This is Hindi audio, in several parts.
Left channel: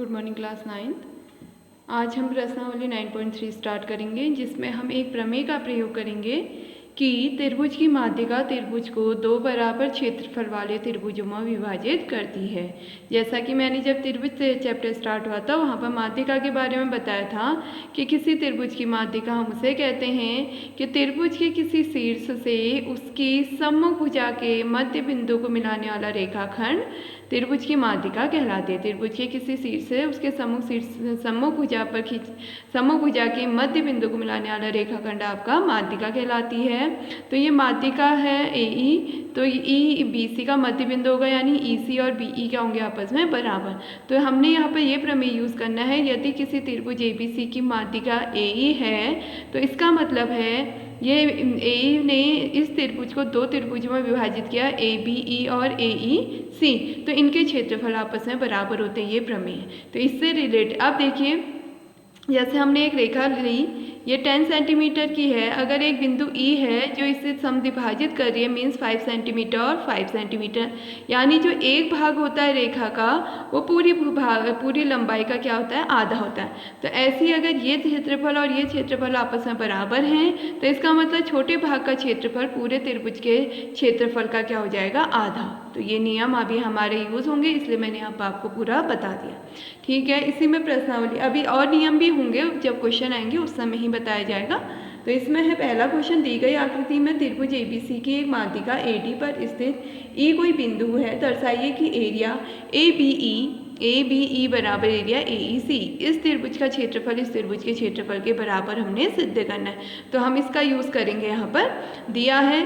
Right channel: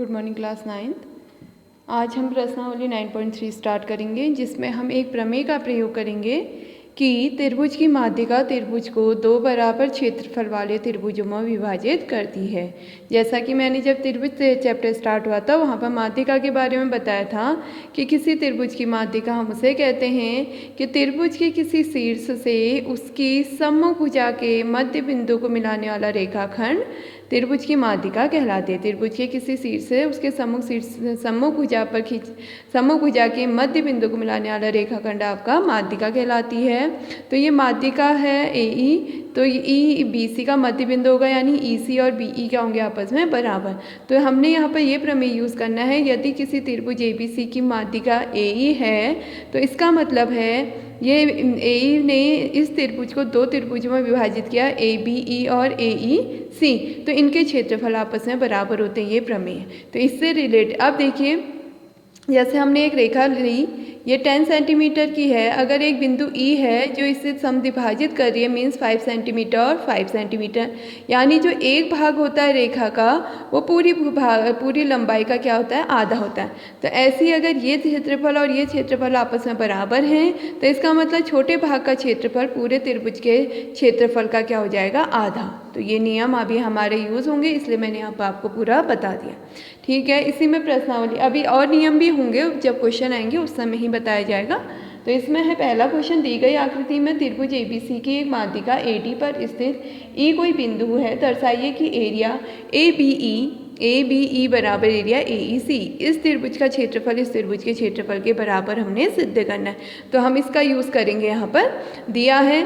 Good morning class 9th। आज हम प्रश्नावली 9.3 स्टार्ट करेंगे, जिसमें हम एक प्रमेय का प्रयोग करेंगे कि त्रिभुज की माध्यिका त्रिभुज को दो बराबर क्षेत्रफल वाले त्रिभुजों में विभाजित करती है। जैसा कि मैंने जब त्रिभुज चैप्टर स्टार्ट हुआ था वहाँ पर माध्यिका के बारे में बताया था कि किसी त्रिभुज की माध्यिका हम उसे कहते हैं कि त्रिभुज के किसी शीर्ष से उसकी सम्मुख भुजा के मध्य बिंदु को मिलाने वाला रेखाखंड त्रिभुज की माध्यिका कहलाती है। त्रिभुज के किसी शीर्ष से उसके सम्मुख भुजा के मध्य बिंदु को मिलाने वाला रेखाखंड आपका माध्यिका कहलाती है। तो ये माध्यिका है AE, तो ई BC का मध्य बिंदु होगा, यानी EC और BE क्या होंगे आपस में बराबर। तो हमने यहाँ पर ये प्रमेय यूज़ करना है, यदि किसी त्रिभुज ABC की माध्यिका AE है तो इसका मतलब है ये AE ने इस त्रिभुज को दो त्रिभुजों में विभाजित किया, ABE और AEC, तो इनके क्षेत्रफल आपस में बराबर होते हैं, ये प्रमेय। तो इससे रिलेटेड अब देखिए, जैसे हमने एक रेखा ली, ये 10 सेंटीमीटर की है। अगर एक बिंदु E है जो इसे समद्विभाजित कर रही है, मीन्स 5 सेंटीमीटर और 5 सेंटीमीटर, यानी जो एक भाग होता है रेखा का वो पूरी लंबाई का क्या होता है, आधा होता है। तो ऐसे ही अगर ये क्षेत्रफल और ये क्षेत्रफल आपस में बराबर हैं तो इसका मतलब छोटे भाग का क्षेत्रफल पूरे त्रिभुज के क्षेत्रफल का क्या हो जाएगा, आधा। तो ये नियम अभी हमारे यूज़ होंगे, इसलिए मैंने यहाँ पर आपको पूरा बता दिया। ठीक है, इसी में प्रश्नावली, अभी और नियम भी होंगे, जब क्वेश्चन आएंगे उस समय ही बताया जाएगा। तो इसमें है पहला क्वेश्चन, दी गई आकृति में त्रिभुज ABC की एक माध्यिका AD पर स्थित E कोई बिंदु है, दर्शाइए कि एरिया ABE बराबर एरिया AEC। इस त्रिभुज का क्षेत्रफल इस त्रिभुज के क्षेत्रफल के बराबर हमने सिद्ध करना है। तो हम इसका यूज़ करेंगे, यहाँ पर दिया है,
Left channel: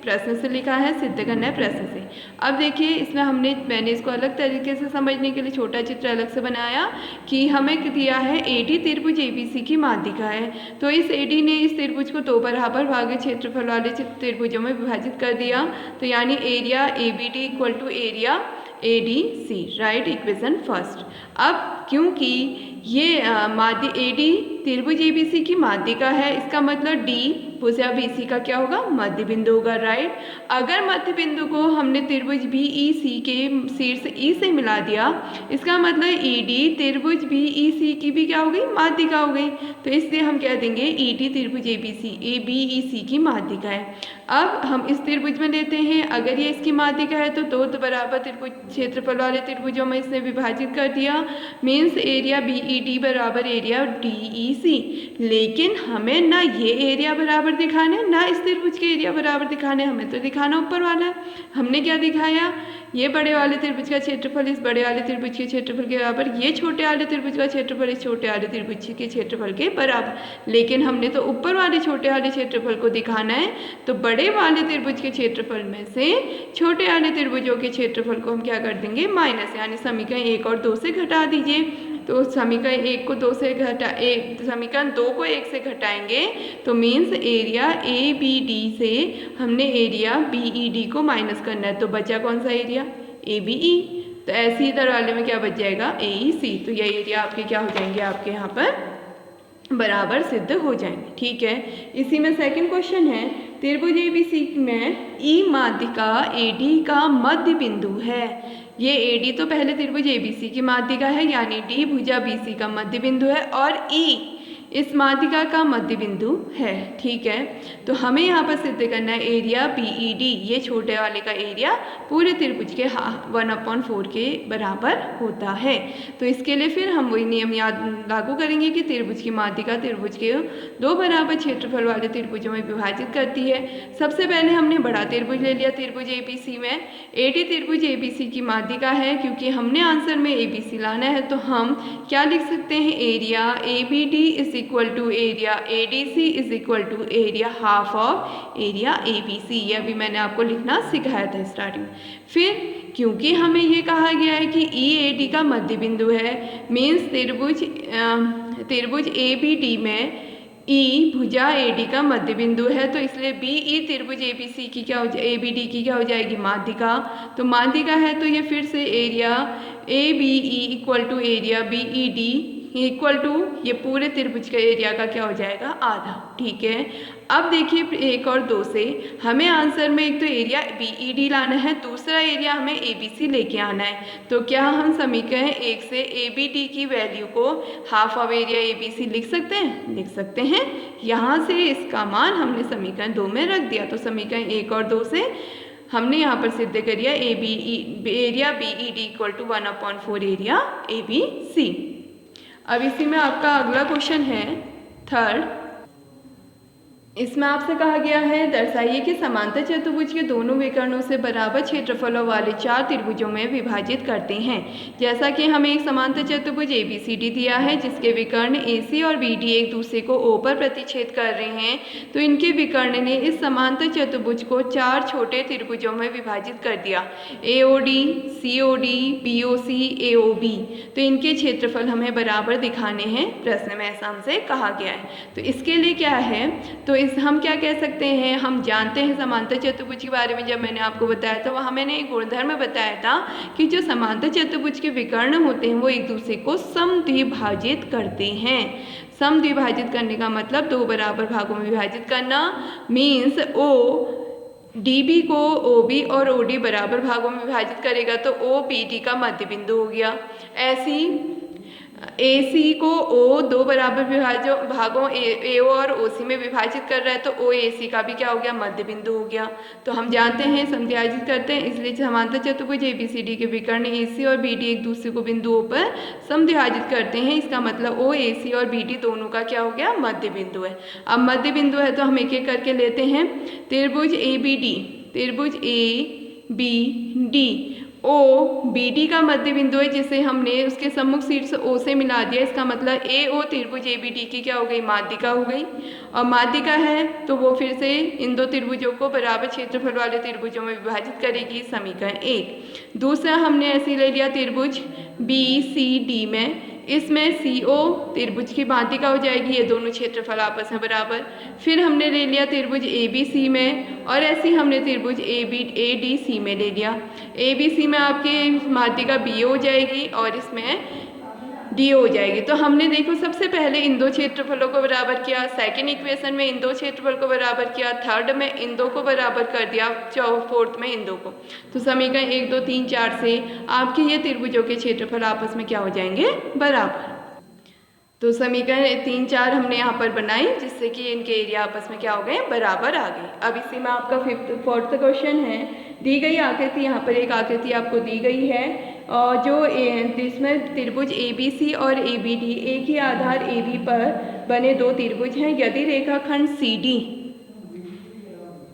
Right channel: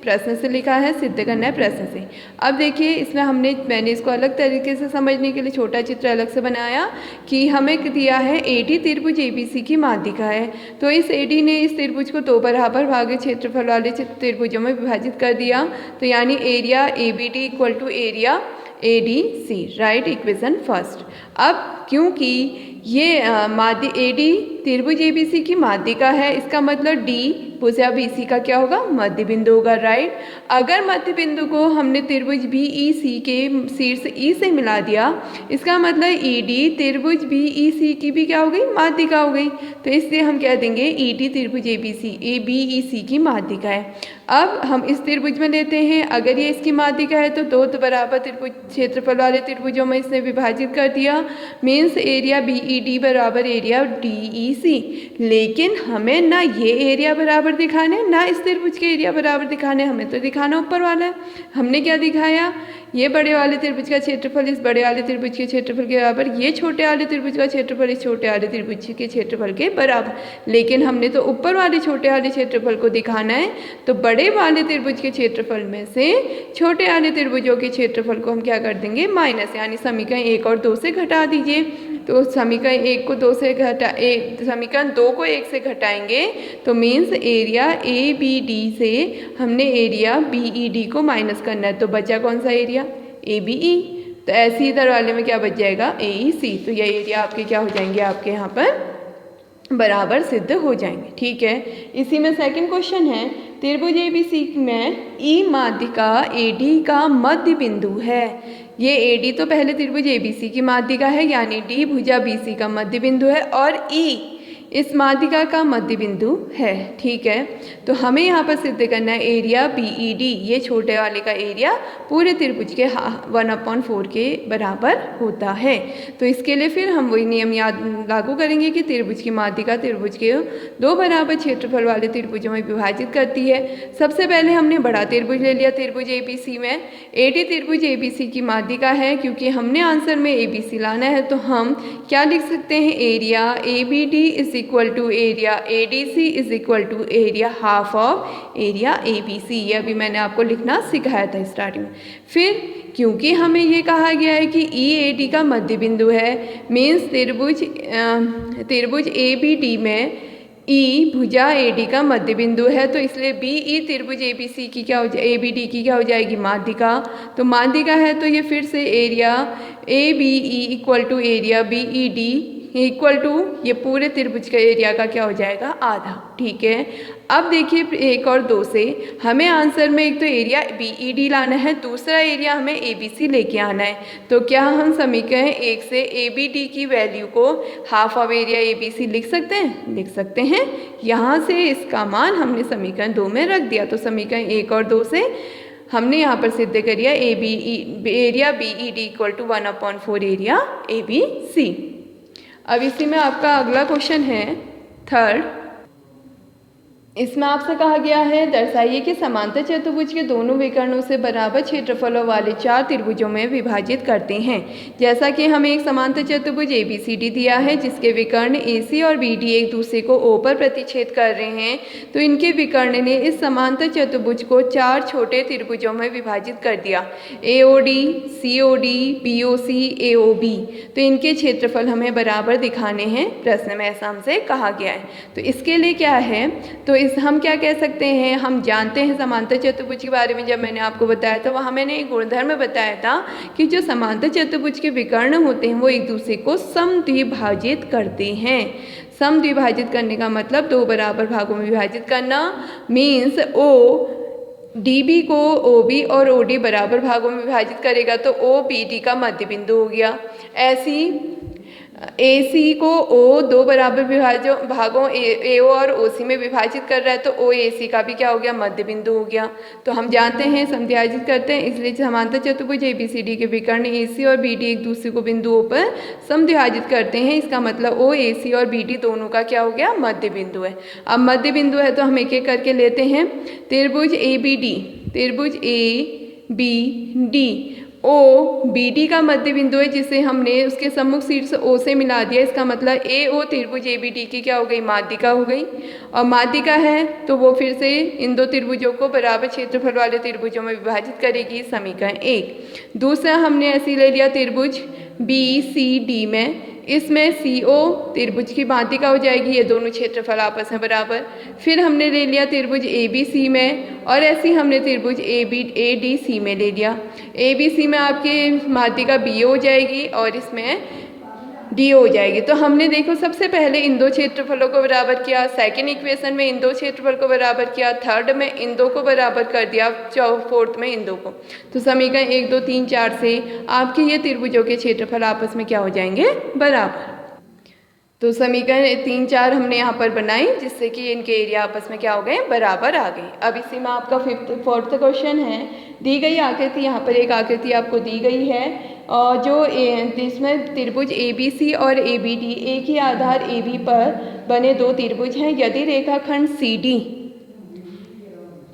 प्रश्न से लिखा है, सिद्ध करना है प्रश्न से। अब देखिए, इसमें मैंने इसको अलग तरीके से समझने के लिए छोटा चित्र अलग से बनाया कि हमें दिया है AD त्रिभुज ABC की माध्यिका है। तो इस AD ने इस त्रिभुज को दो बराबर भाग क्षेत्रफल वाले त्रिभुजों में विभाजित कर दिया, तो यानी area ABD equal to area ADC, right, equation first. अब क्योंकि ये AD त्रिभुज ABC की माध्यिका है, इसका मतलब D भुजा BC का क्या होगा, मध्य बिंदु होगा, राइट। अगर मध्य बिंदु को हमने त्रिभुज BEC के शीर्ष E से मिला दिया, इसका मतलब ED त्रिभुज BEC की भी क्या हो गई, माध्यिका हो गई। तो इसलिए हम कह देंगे ED त्रिभुज ABEC की माध्यिका है। अब हम इस त्रिभुज में लेते हैं, अगर ये इसकी माध्यिका है तो दो बराबर त्रिभुज क्षेत्रफल वाले त्रिभुजों में इसने विभाजित कर दिया, मीन्स एरिया BED बराबर एरिया DEC। लेकिन हमें ना ये एरिया बराबर दिखाना है ना इस त्रिभुज के एरिया बराबर दिखाने, हमें तो दिखाना ऊपर वाला है। हमने क्या दिखाया, ये बड़े वाले त्रिभुज का क्षेत्रफल इस बड़े वाले त्रिभुज के क्षेत्रफल के बराबर, ये छोटे वाले त्रिभुज का क्षेत्रफल इस छोटे वाले त्रिभुज के क्षेत्रफल के बराबर। लेकिन हमने तो ऊपर वाले छोटे वाले क्षेत्रफल को दिखाना है, तो बड़े वाले त्रिभुज के क्षेत्रफल में से छोटे वाले त्रिभुजों के क्षेत्रफल को हम क्या कर देंगे, माइनस, यानी समीकरण 1 और 2 से घटा दीजिए। तो समीकरण 1 को 2 से समीकरण 2 को 1 से घटाएंगे तो मीन्स एरिया ABD से हमने एरिया BED को माइनस करना है, तो बचा कौन सा एरिया, ABE। तो ऐसे ही इधर वाले में क्या बच जाएगा, AEC। तो ये एरिया आपके क्या हो जाएंगे, आपके यहाँ पर बराबर सिद्ध हो जाएंगे। ठीक है, इसी में सेकंड क्वेश्चन है, त्रिभुज ABC में E माध्यिका AD का मध्य बिंदु है। ये AD तो पहले त्रिभुज ABC की माध्यिका है, यानी D भुजा BC का मध्य बिंदु है, और E इस माध्यिका का मध्य बिंदु है। ठीक है, तो हमें यहाँ पर सिद्ध करना है एरिया BED, ये छोटे वाले का एरिया पूरे त्रिभुज के 1/4 के बराबर होता है। तो इसके लिए फिर हम वही नियम लागू करेंगे कि त्रिभुज की माध्यिका त्रिभुज के दो बराबर क्षेत्रफल वाले त्रिभुजों में विभाजित करती है। सबसे पहले हमने बड़ा त्रिभुज ले लिया, त्रिभुज ABC में AD त्रिभुज ABC की माध्यिका है, क्योंकि हमने आंसर में ABC लाना है, तो हम क्या लिख सकते हैं, area ABD is equal to area ADC is equal to area half of area ABC। ये अभी मैंने आपको लिखना सिखाया था स्टार्टिंग में। फिर क्योंकि हमें ये कहा गया है कि EAD का मध्य बिंदु है, मीन्स त्रिभुज ABD में E भुजा AD का मध्य बिंदु है, तो इसलिए BE त्रिभुज ABC की क्या हो जाए, ABD की क्या हो जाएगी, माध्यिका। तो माध्यिका है तो ये फिर से area ABE equal to area BED equal to ये पूरे त्रिभुज का एरिया का क्या हो जाएगा, आधा। ठीक है, अब देखिए 1 और 2 से हमें आंसर में एक तो एरिया BED लाना है, दूसरा एरिया हमें ABC लेके आना है। तो क्या हम समीकरण 1 से ABD की वैल्यू को हाफ ऑफ एरिया ABC लिख सकते हैं? लिख सकते हैं। यहाँ से इसका मान हमने समीकरण 2 में रख दिया, तो समीकरण 1 और 2 से हमने यहाँ पर सिद्ध करिया area BED equal to 1/4 area ABC। अब इसी में आपका अगला क्वेश्चन है थर्ड। इसमें आपसे कहा गया है दर्शाइए कि समांतर चतुर्भुज के दोनों विकर्णों से बराबर क्षेत्रफलों वाले 4 त्रिभुजों में विभाजित करते हैं। जैसा कि हमें एक समांतर चतुर्भुज ABCD दिया है जिसके विकर्ण AC और BD एक दूसरे को O पर प्रतिच्छेद कर रहे हैं, तो इनके विकर्ण ने इस समांतर चतुर्भुज को 4 छोटे त्रिभुजों में विभाजित कर दिया, AOD, COD, BOC, AOB। तो इनके क्षेत्रफल हमें बराबर दिखाने हैं, प्रश्न में ऐसा हमसे कहा गया है। तो इसके लिए क्या है, तो हम क्या कह सकते हैं, हम जानते हैं समांतर चतुर्भुज के बारे में जब मैंने आपको बताया था वहाँ मैंने एक गुणधर्म बताया था कि जो समांतर चतुर्भुज के विकर्ण होते हैं वो एक दूसरे को समद्विभाजित करते हैं। समद्विभाजित करने का मतलब 2 बराबर भागों में विभाजित करना, मीन्स DB को OB और OD बराबर भागों में विभाजित करेगा तो OBD का मध्य बिंदु हो गया। ऐसी AC को O 2 बराबर भागों AO और OC में विभाजित कर रहा है तो OAC का भी क्या हो गया, मध्य बिंदु हो गया। तो हम जानते हैं समद्विभाजित करते हैं, इसलिए समांतर चतुर्भुज ABCD के विकर्ण AC और BD एक दूसरे को बिंदुओं पर समद्विभाजित करते हैं। इसका मतलब OAC और BD दोनों का क्या हो गया, मध्य बिंदु है। अब मध्य बिंदु है तो हम एक एक करके लेते हैं। त्रिभुज ABD, त्रिभुज ABD OBD का मध्य बिंदु है जिसे हमने उसके सम्मुख शीर्ष O से मिला दिया। इसका मतलब AO त्रिभुज ABD की क्या हो गई, माध्यिका हो गई। और माध्यिका है तो वो फिर से इन 2 त्रिभुजों को बराबर क्षेत्रफल वाले त्रिभुजों में विभाजित करेगी, समीकरण 1। दूसरा हमने ऐसे ले लिया त्रिभुज BCD में, इसमें CO त्रिभुज की माध्यिका हो जाएगी, ये दोनों क्षेत्रफल आपस में बराबर। फिर हमने ले लिया त्रिभुज ABC में और ऐसे ही हमने त्रिभुज ADC में ले लिया। ABC में आपकी माध्यिका BO हो जाएगी और इसमें DO हो जाएगी। तो हमने देखो सबसे पहले इन 2 क्षेत्रफलों को बराबर किया, सेकंड इक्वेशन में इन 2 क्षेत्रफल को बराबर किया, थर्ड में इन 2 को बराबर कर दिया, फोर्थ में इन 2 को। तो समीकरण 1, 2, 3, 4 से आपके ये त्रिभुजों के क्षेत्रफल आपस में क्या हो जाएंगे, बराबर। तो समीकरण 3, 4 हमने यहाँ पर बनाई जिससे कि इनके एरिया आपस में क्या हो गए, बराबर आ गए। अब इसी में आपका फोर्थ क्वेश्चन है, दी गई आकृति, यहाँ पर एक आकृति आपको दी गई है और जिसमें त्रिभुज ABC और ABD एक ही आधार AB पर बने 2 त्रिभुज हैं। यदि रेखाखंड CD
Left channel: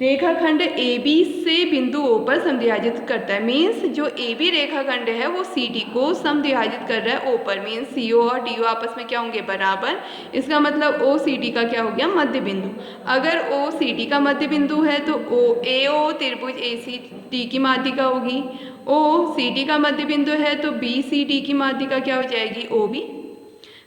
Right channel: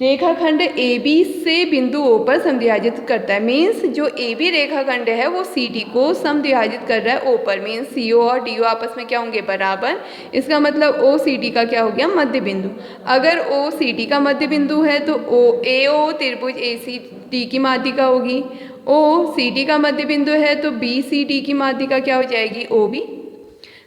रेखाखंड AB से बिंदु O पर समद्विभाजित करता है, मीन्स जो AB रेखाखंड है वो CD को समद्विभाजित कर रहा है O पर, मीन्स CO और DO आपस में क्या होंगे, बराबर। इसका मतलब OCD का क्या हो गया, मध्य बिंदु। अगर OCD का मध्य बिंदु है तो AO त्रिभुज ACD की माध्यिका होगी, OCD का मध्य बिंदु है तो BCD की माध्यिका क्या हो जाएगी, OB।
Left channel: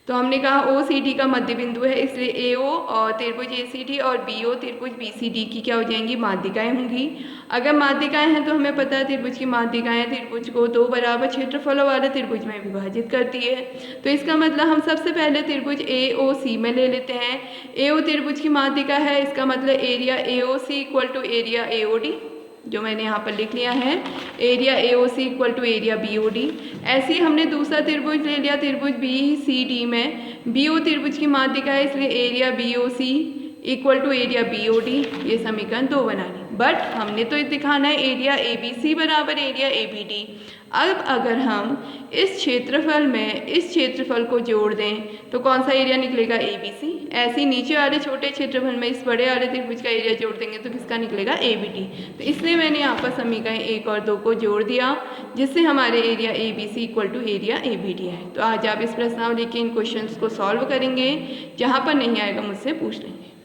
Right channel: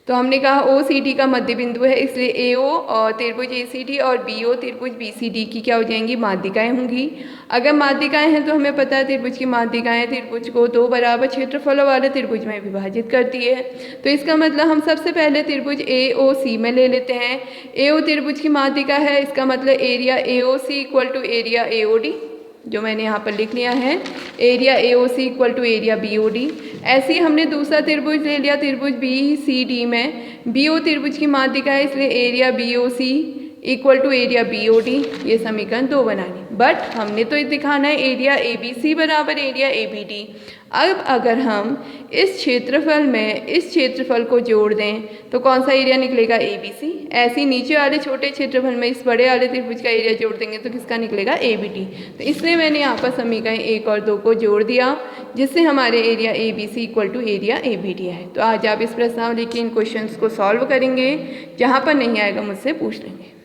तो हमने कहा OCD का मध्य बिंदु है, इसलिए AO और त्रिभुज ACD और BO त्रिभुज BCD की क्या हो जाएंगी, माध्यिकाएं होंगी। अगर माध्यिकाएं हैं तो हमें पता है त्रिभुज की माध्यिकाएं त्रिभुज को 2 बराबर क्षेत्रफलों वाले त्रिभुज में विभाजित करती है। तो इसका मतलब हम सबसे पहले त्रिभुज AOC में ले लेते हैं। AO त्रिभुज की माध्यिका है, इसका मतलब area AOC equal to area AOD, जो मैंने यहाँ पर लिख लिया है, area AOC equal to area BOD। ऐसे ही हमने दूसरा त्रिभुज ले लिया त्रिभुज BCD में, BO त्रिभुज की माध्यिका है इसलिए area BOC equal to area BOD। ये समीकरण 2 बनाने, बट हमने तो दिखाना है एरिया ABC बराबर एरिया ABD। अब अगर हम इस क्षेत्रफल में इस क्षेत्रफल को जोड़ दें तो कौन सा एरिया निकलेगा, ABC। ऐसे ही नीचे वाले छोटे क्षेत्रफल में इस बड़े वाले त्रिभुज का एरिया जोड़ देंगे तो किसका निकलेगा, ABD। तो इसलिए मैंने यहाँ पर समीकरण 1 और 2 को जोड़ दिया जिससे हमारे area ABC equal to area ABD है। तो आज आप इस प्रश्नावली के इन क्वेश्चंस को सॉल्व करेंगे, जहाँ पर नहीं आएगा मुझसे पूछ लेंगे।